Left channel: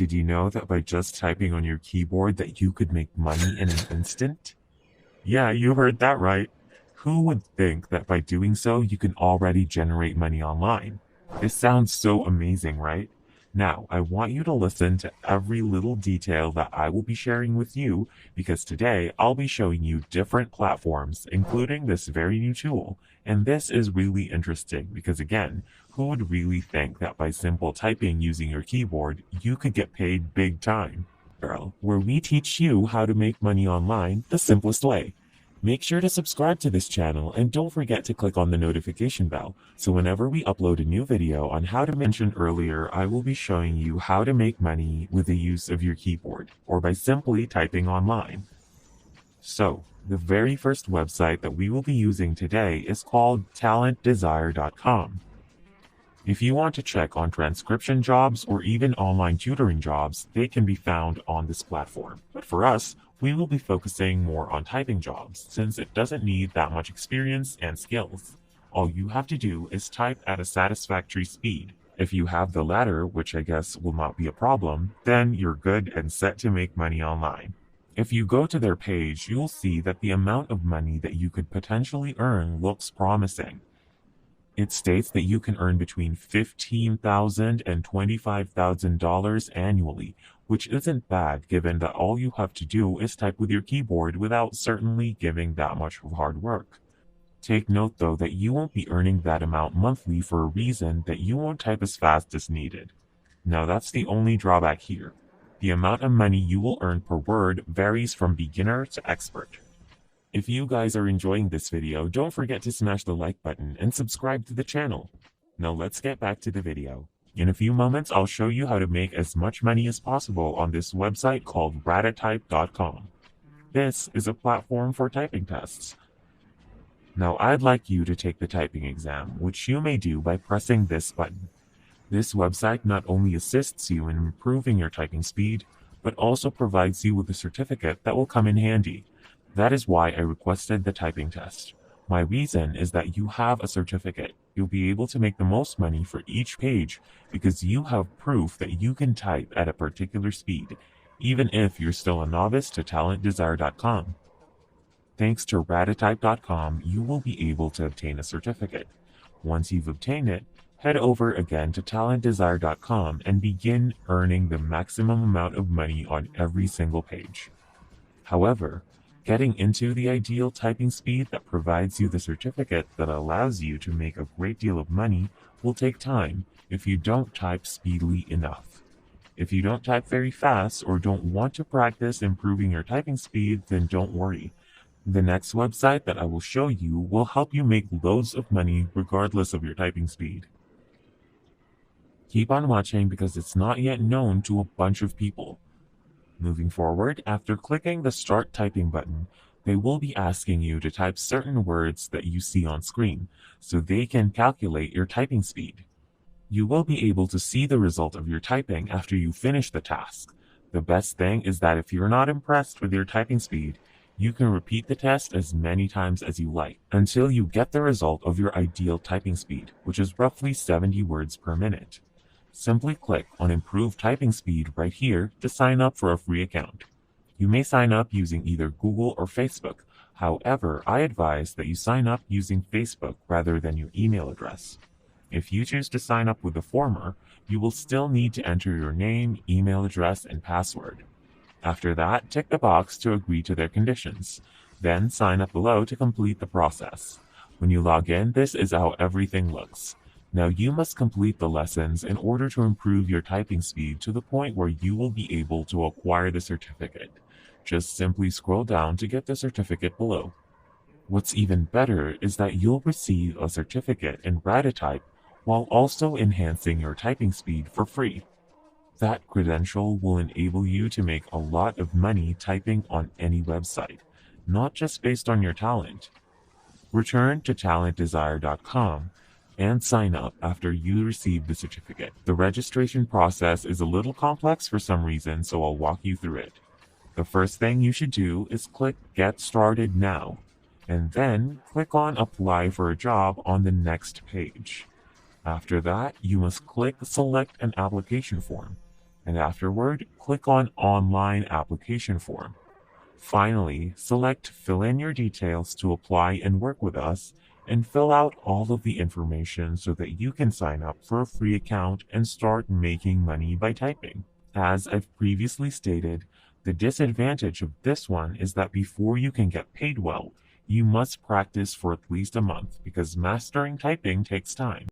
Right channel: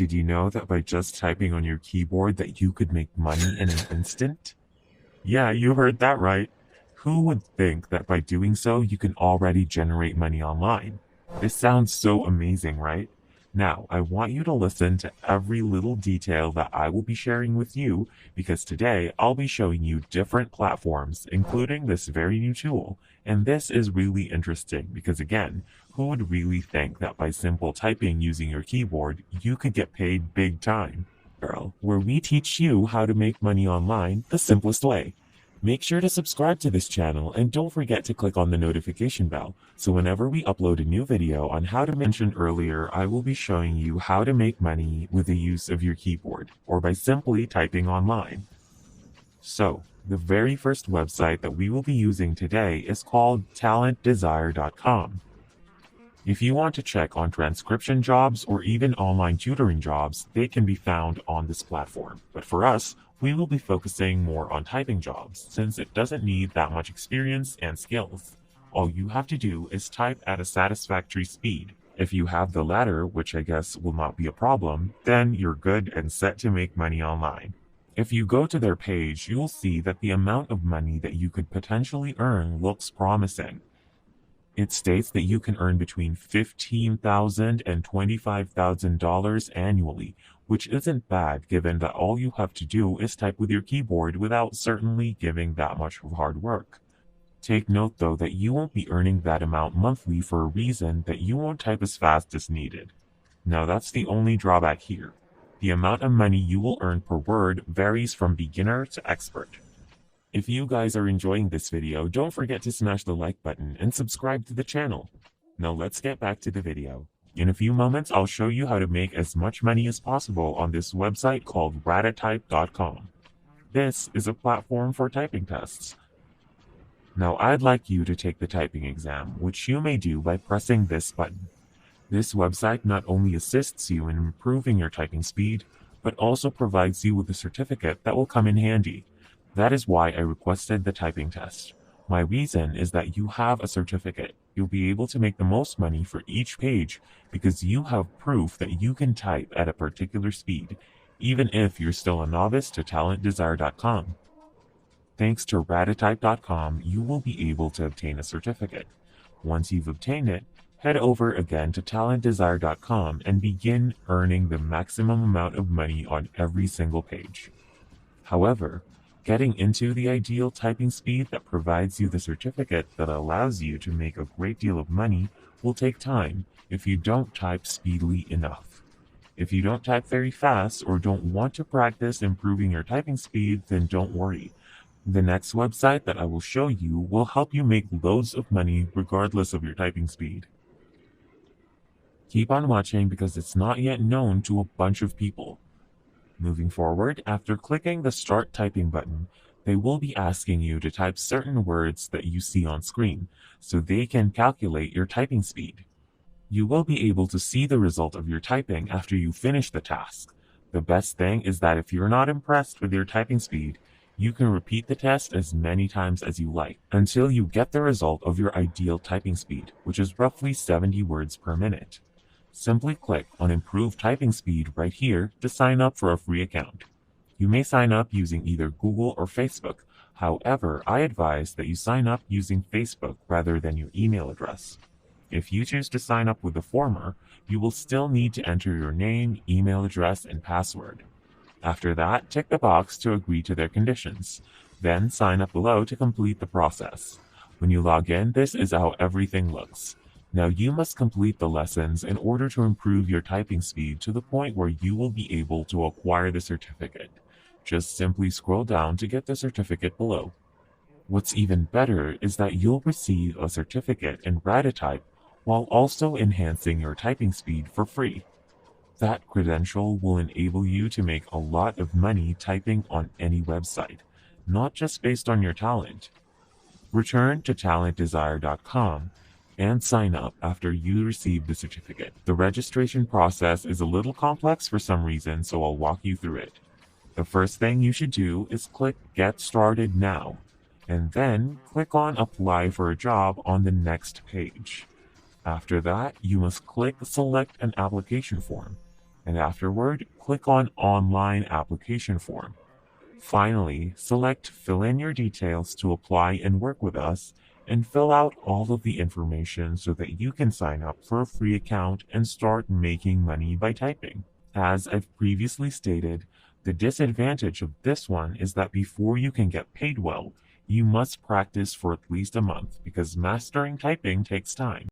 Did you know that by just typing on your keyboard that you could make money in an instant? Yeah, you heard that right. Who would think that by doing so you can already generate money online? It sounds so amazing, right? Now, I want you to listen to every little detail that I will be sharing with you because today I'll be showing you different platforms, including this very new tool. And this is really interesting because, again, who would really think that by simple typing using your keyboard, you could get paid big time? Girl, where we teach you how to make money online the simplest way. Make sure to subscribe to this channel and don't forget to click on the notification bell so whenever we upload a new video on how to mention earlier, I will be showing you how to make money with the use of your keyboard or by simply typing online. So, the very first website that we will be using today is called talentdesire.com. If you want to check on transcription jobs or even online tutoring jobs, they can be found on this platform. But for us, we will be focusing more on typing jobs since it doesn't need that much experience and skills. All you have to do is type at a satisfactory speed. If you have the latter, which I guess will not be a problem, then you're good and set to make money online. If you go to their page, you'll see that the amount of money that you could potentially earn looks promising. It states that you can earn between $15,000 and $25,000 annually, which isn't bad given that all you have to do is type with your keyboard without certainly giving that much hard work. Take note though that you won't be earning that amount monthly for a reason that you won't type as fast as needed. Now that's the only drawback here. The amount of money you will earn per word varies from beginner to expert. If you guys are enjoying this video, don't forget to smash the like button and subscribe to the channel. Now let's get back to the video. In a few moments, I'll show you how to make as much money as possible on this website called ratatype.com. This is a platform for typing tests. Now I'd like you to take the typing exam, which you may do by pressing this button. This website not only assists you in improving your typing speed, but also provides you with a certificate that will come in handy. That is why I requested the typing test. My reason is that you have a certificate. You'll be able to make the most money for each page because you have proof that you can type at a particular speed, even if you're still a novice to talentdesire.com. Thanks to ratatype.com, you will be able to obtain a certificate. Once you've obtained it, head over again to talentdesire.com and begin earning the maximum amount of money on every single page. However, getting into the ideal typing speed that provides you the certificate that allows you to make a great deal of money will take time if you don't type speedily enough. If you don't type very fast or don't want to practice improving your typing speed, then don't worry. The next website that I will show you will help you make loads of money regardless of your typing speed. Keep on watching because it's not yet known to a bunch of people. Moving forward, after clicking the Start Typing button, they will be asking you to type certain words that you see on screen, so they can calculate your typing speed. You will be able to see the result of your typing after you finish the task. The best thing is that if you're not impressed with your typing speed, you can repeat the test as many times as you like, until you get the result of your ideal typing speed, which is roughly 70 words per minute. Simply click on Improve Typing Speed right here to sign up for a free account. You may sign up using either Google or Facebook. However, I advise that you sign up using Facebook rather than your email address. If you choose to sign up with the former, you will still need to enter your name, email address, and password. After that, tick the box to agree to their conditions. Then sign up below to complete the process. When you log in, this is how everything looks. Now you must complete the lessons in order to improve your typing speed to the point where you will be able to acquire the certificate. Just simply scroll down to get the certificate below. What's even better is that you'll receive a certificate in Ratatype while also enhancing your typing speed for free. That credential will enable you to make a lot of money typing on any website, not just based on your talent. Return to talentdesire.com and sign up after you receive the certificate. The registration process is a little complex for some reason, so I'll walk you through it. The first thing you should do is click Get Started Now, and then click on Apply for a Job on the next page. After that, you must click Select an Application Form, and afterward, click on Online Application Form. Finally, select Fill in your details to apply and work with us, and fill out all of the information so that you can sign up for a free account and start making money by typing. As I've previously stated, the disadvantage of this one is that before you can get paid well, you must practice for at least a month because mastering typing takes time.